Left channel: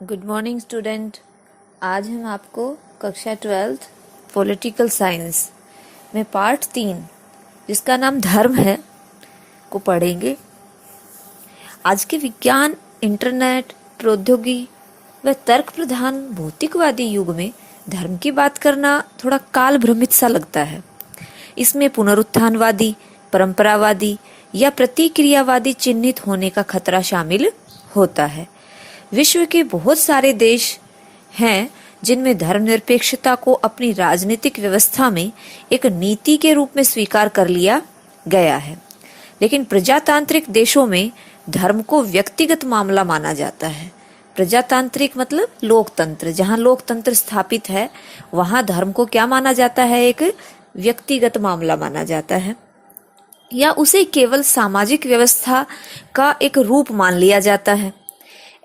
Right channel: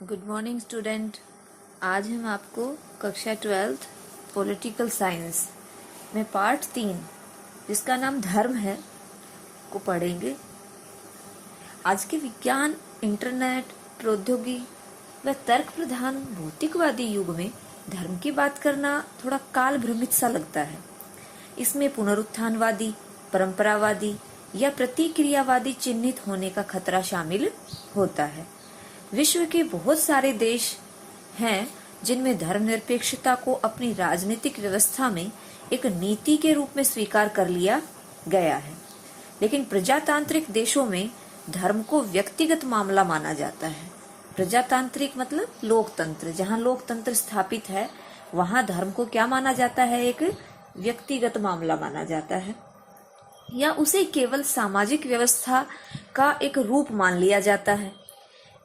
Good morning student. आज हम आपको कक्षा 12th पॉलिटिकल साइंस में पार्ट 3 जिसका नाम धर्म है को पढ़ेंगे। आज के विज्ञान, इंटरनेट, प्रौद्योगिकी व तर्क प्रधान भौतिकवादी युग में धर्म की बात करना थोड़ा काल भ्रमित सा लगता है। इसमें पुनरुत्थानवादी, परंपरावादी या प्रतिक्रियावादी चिन्हित होने का खतरा शामिल होता है। विश्व के बहुत सारे देश हैं जिनमें धर्मनिरपेक्षता को अपनी राजनीतिक व्यवस्था में एक नीति के रूप में स्वीकार कर लिया गया है, लेकिन प्रजातांत्रिक देशों में धर्म को व्यक्तिगत मामला माना जाता है। प्रजातांत्रिक मतलब लोकतंत्र, जहाँ लोकतंत्र स्थापित है वहाँ धर्म को क्या माना जाता है? एक व्यक्तिगत मामला माना जाता है, या उसे केवल सामाजिक व्यवस्था का एक रूप मान लिया जाता है।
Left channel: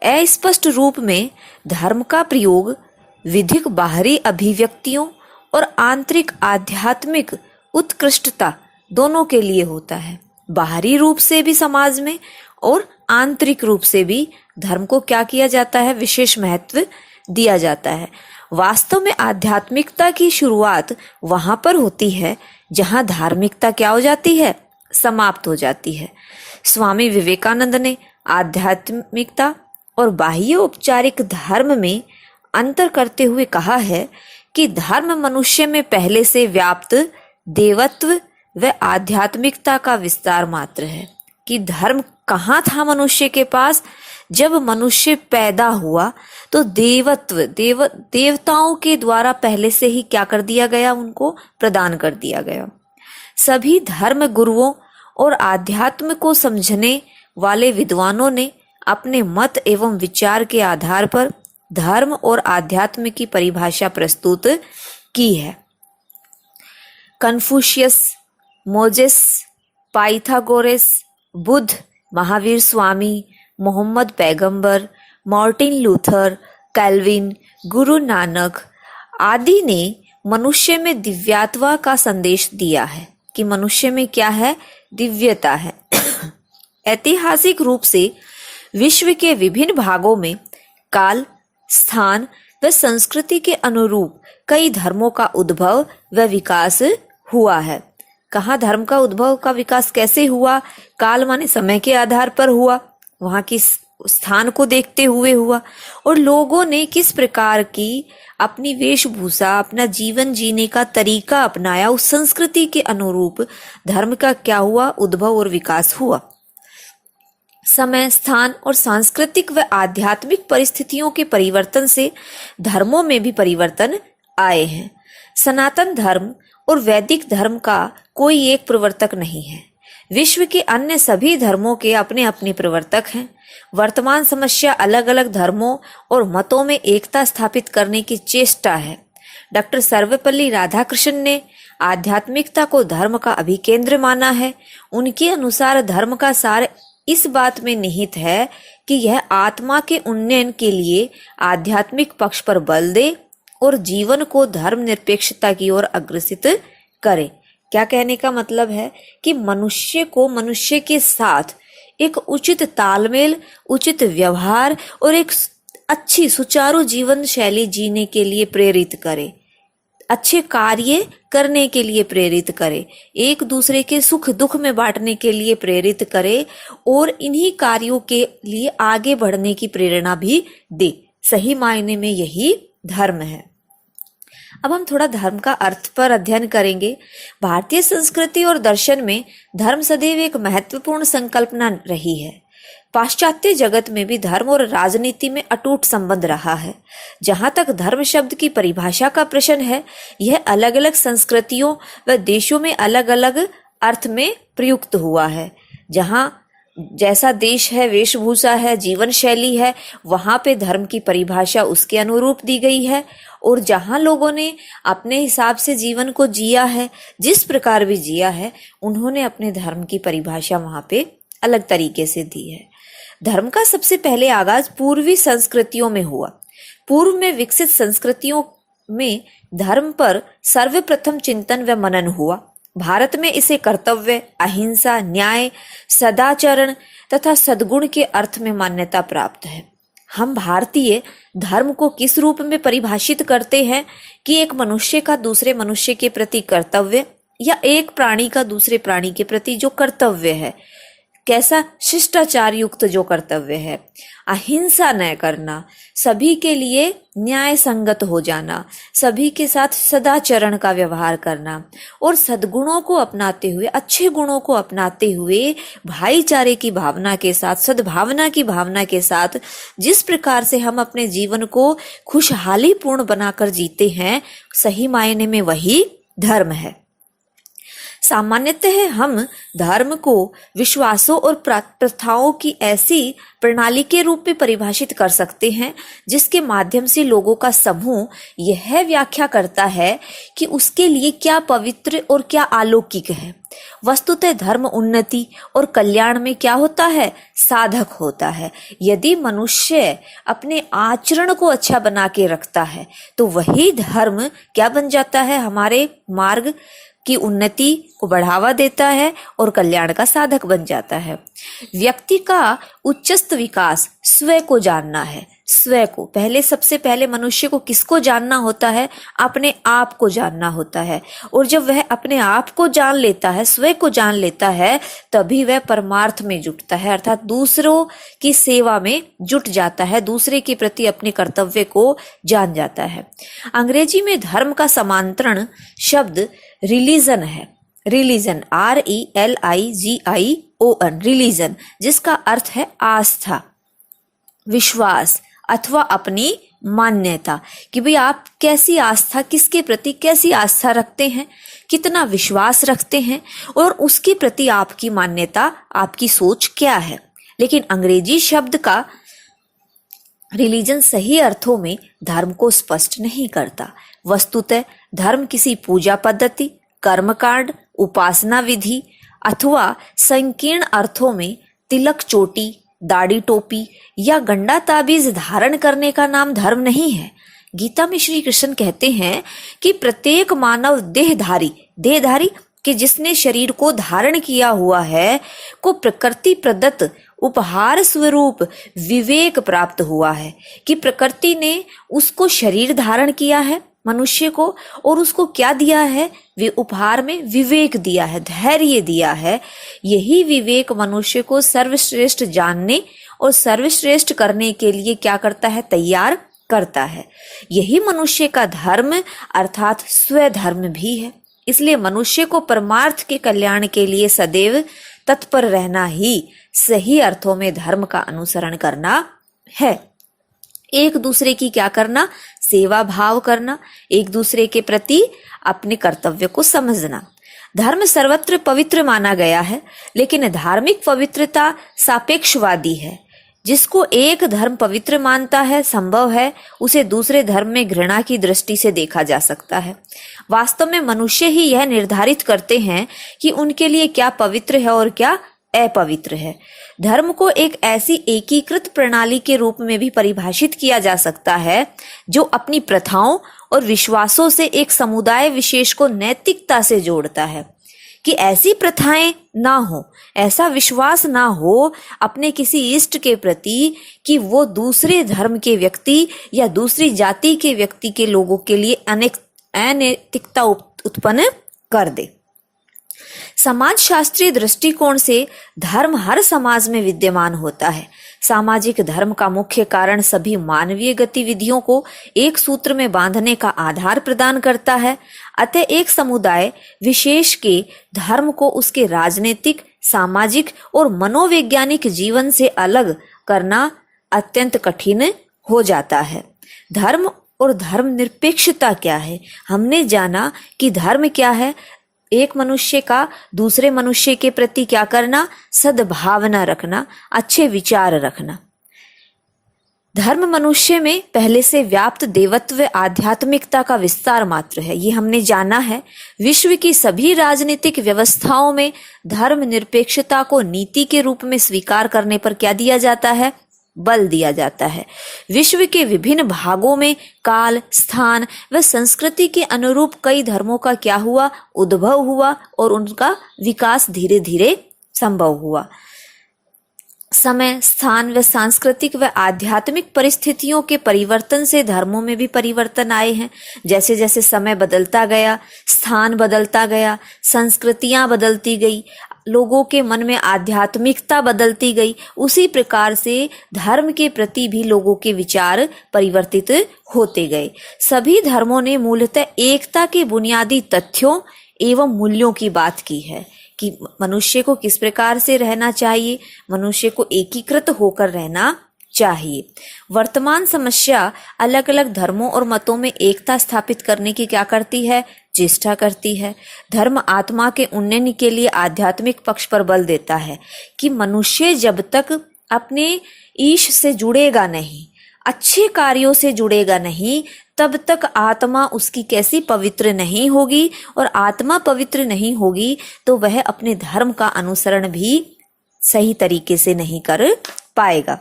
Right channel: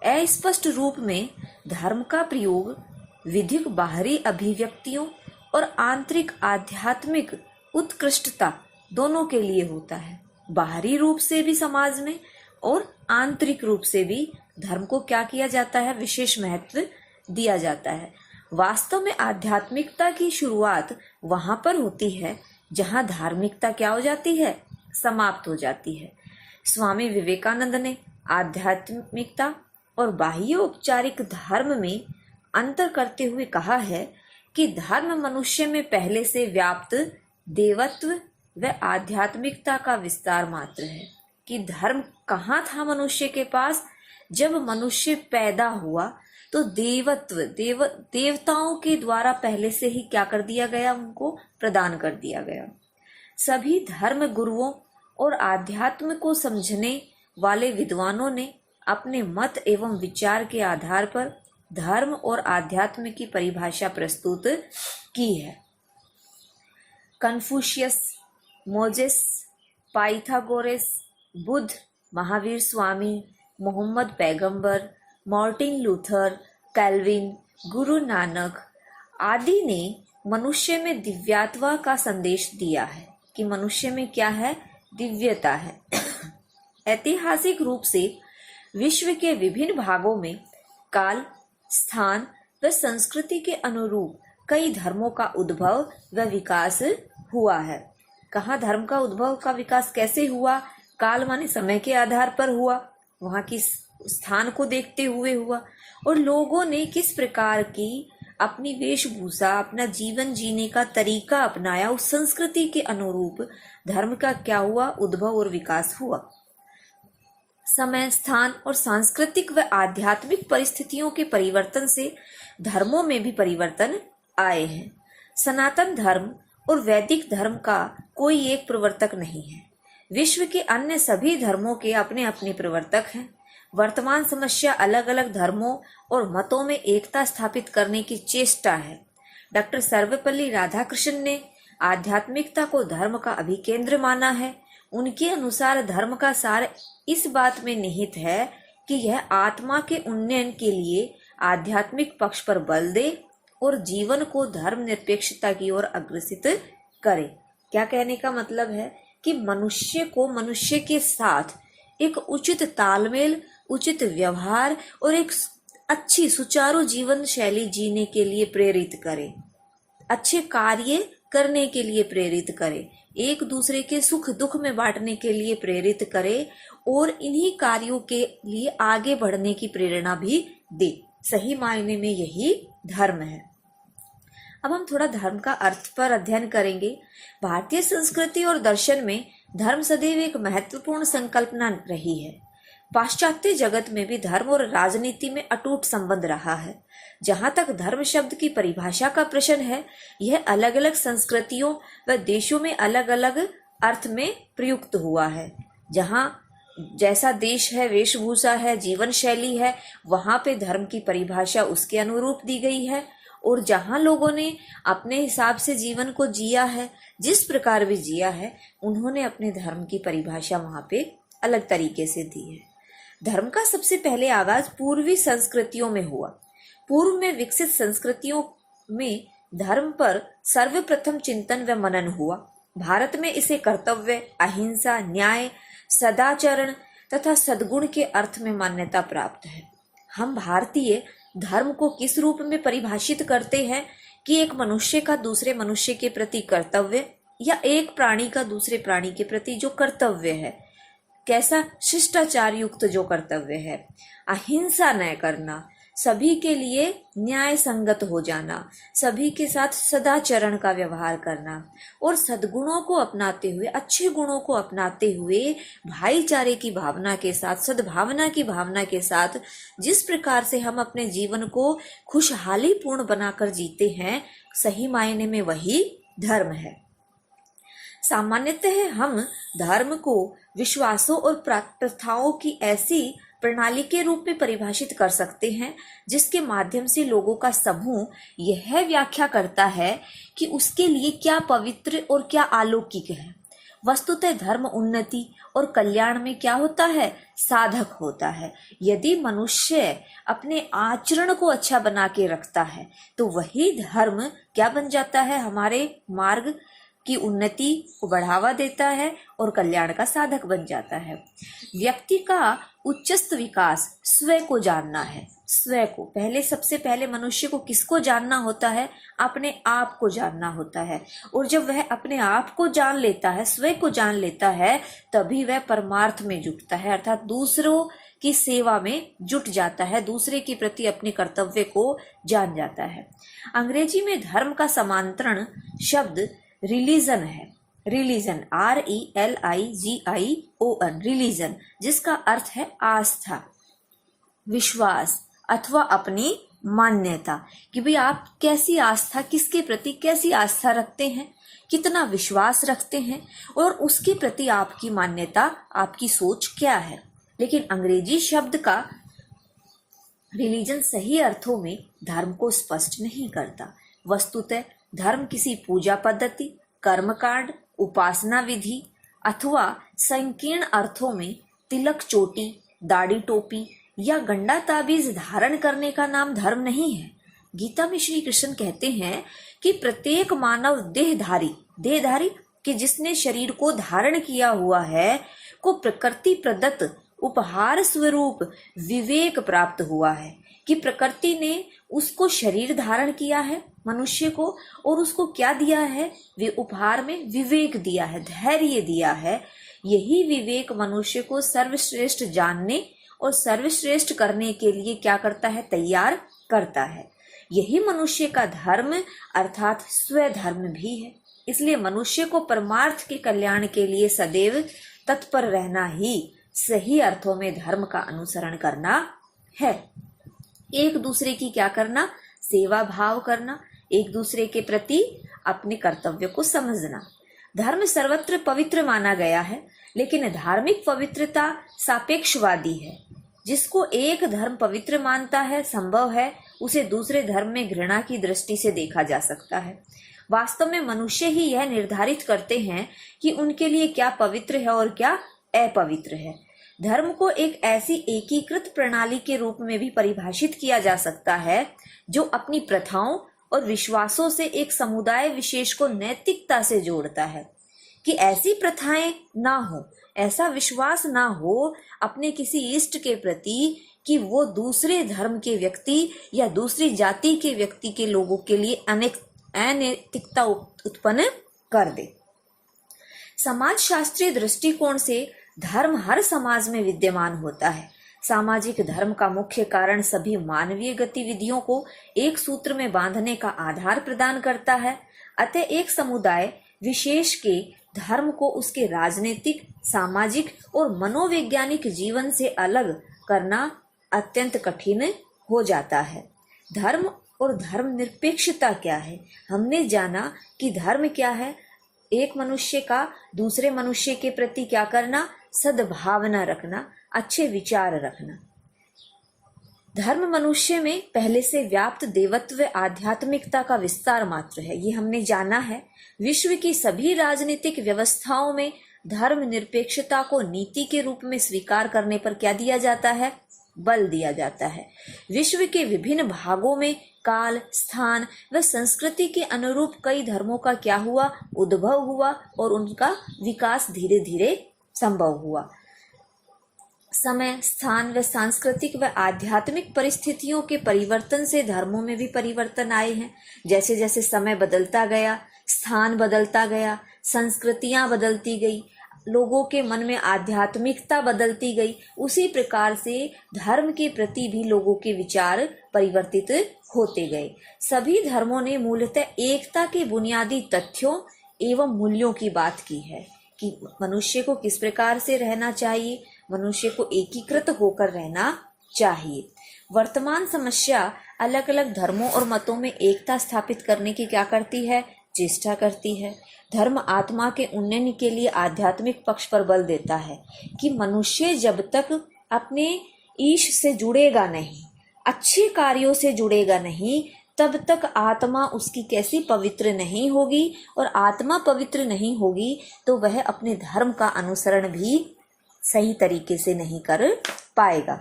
अस्पष्ट रूप में धर्म का प्रयोग विधिक बाहरी अभिव्यक्तियों और आंतरिक आध्यात्मिक उत्कृष्टता दोनों के लिए होता है। बाहरी रूप से भी समाज में और आंतरिक रूप से भी धर्म को क्या किया जाता है? विशेष महत्व दिया जाता है। वास्तव में आध्यात्मिकता की शुरुआत वहां पर होती है जहां धार्मिकता क्या हो जाती है? समाप्त हो जाती है। स्वामी विवेकानंद ने आध्यात्मिकता और बाह्य औपचारिक धर्म में अंतर करते हुए कहा है कि धर्म मनुष्य में पहले से व्याप्त देवत्व व आध्यात्मिकता का विस्तार मात्र है। कि धर्म कहाँ था मनुष्य के पास? जब मनुष्य पैदा हुआ तो देवत्व देवताओं के द्वारा पहले से ही क्या कर दिया गया? उनको प्रदान कर दिया गया। सभी धर्म गुरुओं और आध्यात्म को समझने वाले विद्वानों ने अपने मत एवं विचार के आधार पर धर्म और आध्यात्म की परिभाषा प्रस्तुत की है। Confucius, Moses, Pythagoras, Buddha, Mahavir Swami, Mohammed पैगंबर, Martin Luther, kelvin, Guru Nanak आदि ने मनुष्य में दिव्यत्व का संदेश दिया है कि मनुष्य में क्या है? दिव्यता है। ऐतिहासिक रूप से विश्व के विभिन्न भागों में काल, स्थान व संस्कृति के अनुरूप कई धर्मों का उद्भव व विकास हुआ है। कहाँ धर्म का उद्भव का विकास कैसे हुआ? काल माने समय के आधार पर हुआ, वहाँ की स्थान को देखते हुए हुआ, और लोगों ने किस प्रकार की अपनी वेशभूषा, अपना जीवन जीने का तरीका अपनाया, उस संस्कृति के अनुरूप धर्म का क्या हुआ? उद्भव और विकास हुआ। समय, स्थान और सांस्कृतिक व आध्यात्मिक परिस्थितियों के परिवर्तन से धर्मों में भी परिवर्तन आए हैं। सनातन धर्म और वैदिक धर्म का कोई एक प्रवर्तक नहीं है। विश्व के अन्य सभी धर्मों के अपने अपने प्रवर्तक हैं। वर्तमान समस्या अलग अलग धर्मों और मतों में एकता स्थापित करने की चेष्टा है। डॉक्टर सर्वपल्ली राधाकृष्णन ने आध्यात्मिकता को धर्म का अभिकेंद्र माना है। उनके अनुसार धर्म का सार इस बात में निहित है कि यह आत्मा के उन्नयन के लिए आध्यात्मिक पक्ष पर बल दे और जीवन को धर्म निरपेक्षता की ओर अग्रसित करे। क्या कहने का मतलब है? कि मनुष्य को मनुष्य के साथ एक उचित तालमेल, उचित व्यवहार और एक अच्छी सुचारू जीवन शैली जीने के लिए प्रेरित करे, अच्छे कार्य करने के लिए प्रेरित करे, एक दूसरे के सुख दुख में बांटने के लिए प्रेरित करे और इन्हीं कार्यों के लिए आगे बढ़ने की प्रेरणा भी दे। सही मायने में यही धर्म है। अब हम थोड़ा धर्म का अर्थ पर अध्ययन करेंगे। भारतीय संस्कृति और दर्शन में धर्म सदैव एक महत्वपूर्ण संकल्पना रही है। पाश्चात्य जगत में भी धर्म और राजनीति में अटूट संबंध रहा है। जहाँ तक धर्म शब्द की परिभाषा का प्रश्न है, यह अलग अलग संस्कृतियों व देशों में अलग अलग अर्थ में प्रयुक्त हुआ है। जहाँ जैसा देश है, वेशभूषा है, जीवन शैली है, वहाँ पे धर्म की परिभाषा उसके अनुरूप दी गई है। और जहाँ लोगों ने अपने हिसाब से जीवन को जिया है, जिस प्रकार भी जिया है, उन्होंने अपने धर्म की परिभाषा वहाँ पे अलग तरीके से दी है। धर्म का सबसे पहले आगाज पूर्वी संस्कृतियों में हुआ। पूर्व में विकसित संस्कृतियों में धर्म पर सर्वप्रथम चिंतन व मनन हुआ। भारत में इसे कर्तव्य, अहिंसा, न्याय, सदाचरण तथा सद्गुण के अर्थ में मान्यता प्राप्त है। हम भारतीय धर्म को किस रूप में परिभाषित करते हैं कि एक मनुष्य का दूसरे मनुष्य के प्रति कर्तव्य, या एक प्राणी का दूसरे प्राणी के प्रति जो कर्तव्य है, कैसा शिष्टाचार युक्त जो कर्तव्य है, अहिंसा न करना, सभी के लिए न्याय संगत हो जाना, सभी के साथ सदाचरण का व्यवहार करना और सद्गुणों को अपनाते हुए, अच्छे गुणों को अपनाते हुए भाईचारे की भावना के साथ, सद्भावना की भावना के साथ जिस प्रकार से हम अपने जीवन को खुशहाली पूर्ण बनाकर जीते हैं, सही मायने में वही धर्म है। सामान्यतः हम धर्म को विश्वासों और प्रथाओं की ऐसी प्रणाली के रूप में परिभाषित कर सकते हैं जिसके माध्यम से लोगों का समूह यह व्याख्या करता है कि उसके लिए क्या पवित्र और क्या अलौकिक है। वस्तुतः धर्म उन्नति और कल्याण में क्या होता है? साधक होता है। यदि मनुष्य अपने आचरण को अच्छा बना के रखता है तो वही धर्म क्या बन जाता है? हमारे मार्ग की उन्नति को बढ़ावा देता है और कल्याण का साधक बन जाता है। व्यक्ति का उच्चस्त विकास स्वयं को जानना है। स्वयं को पहले, सबसे पहले मनुष्य को किसको जानना होता है? अपने आप को जानना होता है। और जब वह अपने आप को जान लेता है, स्वयं को जान लेता है, तभी वह परमार्थ में जुटता है, अर्थात दूसरों की सेवा में जुट जाता है, दूसरे के प्रति अपने कर्तव्य को जान जाता है। अंग्रेजी में धर्म का समांतरण शब्द रिलीजन है। रिलीजन, RELIGION, रिलीजन, जिसका अर्थ है आस्था, विश्वास अथवा अपनी मान्यता, कि भाई आप कैसी आस्था, किसके प्रति कैसी आस्था रखते हैं, कितना विश्वास रखते हैं और उसके प्रति आपकी मान्यता, आपकी सोच क्या है। लेकिन अंग्रेजी शब्द का रिलीजन सही अर्थों में धर्म को स्पष्ट नहीं करता। वस्तुतः धर्म किसी पूजा पद्धति, कर्मकांड, उपासना विधि अथवा संकीर्ण अर्थों में तिलक, चोटी, दाढ़ी, टोपी या गंडा ताबीज धारण करने का नाम धर्म नहीं है। गीता में श्री कृष्ण कहते हैं कि प्रत्येक मानव देहधारी कि जिसने शरीर को धारण किया हुआ है को प्रकृति प्रदत्त उपहार स्वरूप विवेक प्राप्त हुआ है, कि प्रकृति ने उसको शरीर धारण किया है मनुष्य को, और उसको क्या दिया है? वे उपहार में विवेक दिया है, धैर्य दिया है। यही विवेक मनुष्य को सर्वश्रेष्ठ जानने और सर्वश्रेष्ठ करने के लिए क्या करता है? तैयार करता है। यही मनुष्य का धर्म अर्थात स्वधर्म भी है। इसलिए मनुष्य को परमार्थ के कल्याण के लिए सदैव तत्पर रहना ही सही अर्थों में धर्म का अनुसरण करना है। एक दूसरे की क्या करना? सेवा भाव करना, एक दूसरे के प्रति अपने कर्तव्य को समझना। धर्म सर्वत्र पवित्र माना गया है, लेकिन धार्मिक पवित्रता सापेक्षवादी है। जिसको एक धर्म पवित्र मानता है, संभव है उसे दूसरे धर्म में घृणा की दृष्टि से देखा जा सकता है। वास्तव में मनुष्य ही यह निर्धारित करते हैं कि उनके लिए क्या पवित्र है और क्या अपवित्र है। धर्म को एक ऐसी एकीकृत प्रणाली के रूप में भी परिभाषित किया जा सकता है जो अपनी प्रथाओं और विश्वासों से एक समुदाय विशेष को नैतिकता से जोड़ता है, कि ऐसी प्रथाएं ना हो, ऐसा विश्वास ना हो अपने किसी इष्ट के प्रति कि वो दूसरे धर्म के व्यक्ति या दूसरी जाति के व्यक्ति के लोगों के लिए अनैतिकता उत्पन्न कर दे। समाज शास्त्रीय दृष्टिकोण से धर्म हर समाज में विद्यमान होता है। सामाजिक धर्म का मुख्य कारण सभी मानवीय गतिविधियों को एक सूत्र में बांधने का आधार प्रदान करता है। अतः एक समुदाय विशेष के धर्म को उसके राजनीतिक, सामाजिक और मनोवैज्ञानिक जीवन से अलग करना अत्यंत कठिन हो जाता है। धर्म और धर्मनिरपेक्षता क्या है? हमने जाना कि धर्म क्या है? एक मनुष्य का दूसरे मनुष्य के प्रति क्या करना? सद्भावना रखना, अच्छे विचार रखना। धर्म मनुष्य में पहले से व्याप्त देवत्व आध्यात्मिकता का विस्तार मात्र है, ये हमने जाना है। विश्व की सभी राजनीतिक व्यवस्थाओं में धर्म निरपेक्षता को नीति के रूप में स्वीकार करने पर क्या दिया जाता है? बल दिया जाता है। विश्व के विभिन्न भागों में काल, स्थान व संस्कृति के अनुरूप कई धर्मों का क्या हुआ? उद्भव हुआ और उनका विकास धीरे धीरे संभव हुआ। समय, स्थान व सांस्कृतिक व आध्यात्मिक परिस्थितियों के परिवर्तन से धर्मों में भी परिवर्तन आए हैं। जैसे जैसे समय बदलता गया, स्थान बदलता गया, संस्कृतियां बदलती गई, लोगों के मन में आध्यात्मिकता बदलती गई, उसी प्रकार से धर्म के प्रति भी लोगों के विचार परिवर्तित होते गए। सभी धर्मों ने मूलतः एकता के बुनियादी तथ्यों एवं मूल्यों की बात की है कि मनुष्य को किस प्रकार से रहना चाहिए, मनुष्य को एकीकृत होकर रहना चाहिए। वर्तमान समस्या अलग अलग धर्मों और मतों में एकता स्थापित करने की क्या करती है, चेष्टा करती है। धर्म आत्मा के उन्नयन के लिए आध्यात्मिक पक्ष पर बल देता है कि मनुष्य जब तक अपने ईश से जुड़ेगा नहीं, अच्छे कार्यों से जुड़ेगा नहीं, तब तक आत्मा उसकी कैसी पवित्र नहीं होगी, और आत्मा पवित्र नहीं होगी तो वह अपने धर्म का अनुसरण भी सही तरीके से नहीं कर पाएगा।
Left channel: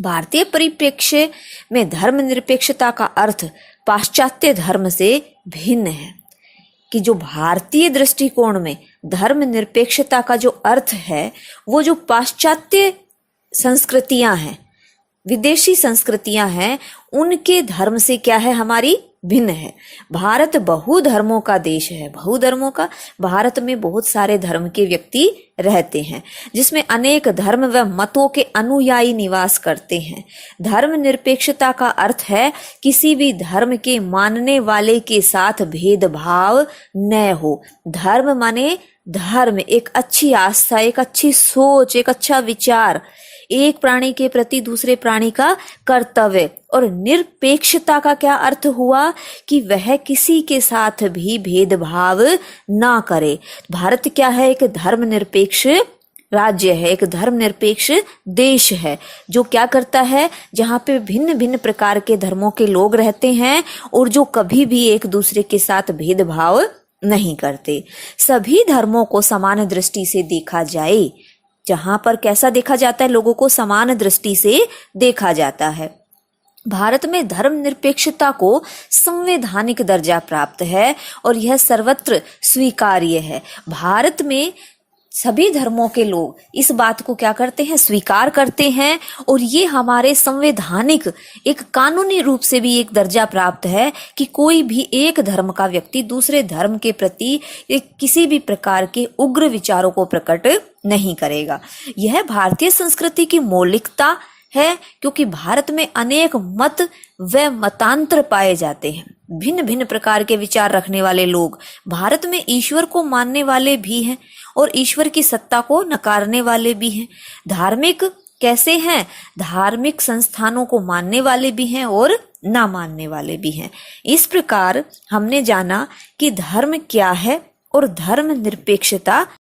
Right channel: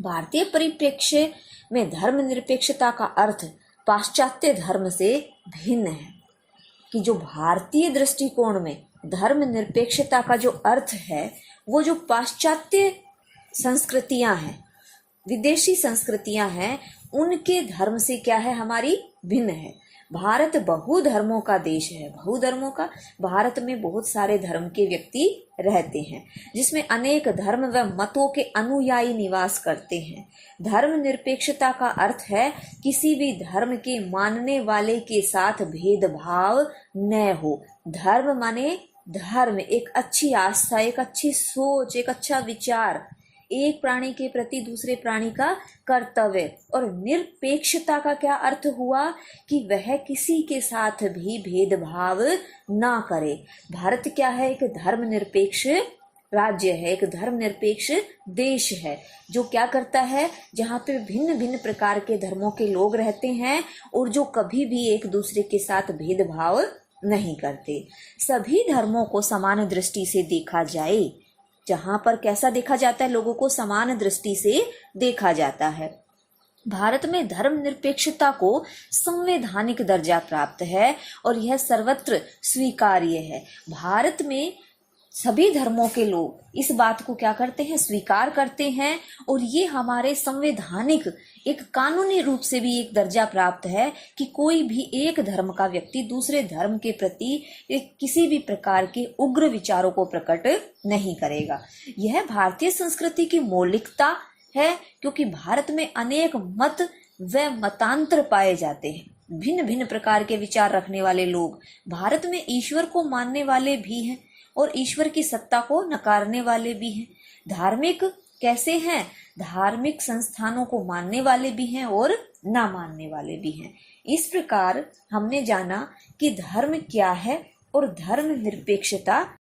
भारतीय परिप्रेक्ष्य में धर्मनिरपेक्षता का अर्थ पाश्चात्य धर्म से भिन्न है। कि जो भारतीय दृष्टिकोण में धर्मनिरपेक्षता का जो अर्थ है, वो जो पाश्चात्य संस्कृतियां हैं, विदेशी संस्कृतियां हैं, उनके धर्म से क्या है, हमारी भिन्न है। भारत बहुधर्मों का देश है, बहुधर्मों का। भारत में बहुत सारे धर्म के व्यक्ति रहते हैं, जिसमें अनेक धर्म व मतों के अनुयायी निवास करते हैं। धर्मनिरपेक्षता का अर्थ है किसी भी धर्म के मानने वाले के साथ भेदभाव न हो। धर्म माने धर्म, एक अच्छी आस्था, एक अच्छी सोच, एक अच्छा विचार, एक प्राणी के प्रति दूसरे प्राणी का कर्तव्य। और निरपेक्षता का क्या अर्थ हुआ कि वह किसी के साथ भी भेदभाव ना करे। भारत क्या है, एक धर्मनिरपेक्ष राज्य है, एक धर्मनिरपेक्ष देश है, जो क्या करता है, जहाँ पे भिन्न भिन्न प्रकार के धर्मों के लोग रहते हैं और जो कभी भी एक दूसरे के साथ भेदभाव नहीं करते। सभी धर्मों को समान दृष्टि से देखा जाए। जहां पर कैसा देखा जाता है, लोगों को समान दृष्टि से देखा जाता है। भारत में धर्मनिरपेक्षता को संवैधानिक दर्जा प्राप्त है और यह सर्वत्र स्वीकार्य है। भारत में सभी धर्मों के लोग इस बात को क्या करते हैं, स्वीकार करते हैं, और ये हमारे संवैधानिक एक कानूनी रूप से भी एक दर्जा प्राप्त है कि कोई भी एक धर्म का व्यक्ति दूसरे धर्म के प्रति किसी भी प्रकार के उग्र विचारों को प्रकट नहीं करेगा। यह भारतीय संस्कृति की मौलिकता है, क्योंकि भारत में अनेक मत व मतांतर पाए जाते हैं। भिन्न भिन्न प्रकार के विचार रखने वाले लोग भारत में ईश्वर को मानने वाले भी हैं और ईश्वर की सत्ता को नकारने वाले भी हैं। धार्मिक कैसे हैं, धार्मिक संस्थानों को मानने वाले भी हैं और ना मानने वाले भी हैं। इस प्रकार हमने जाना कि धर्म क्या है और धर्म निरपेक्षता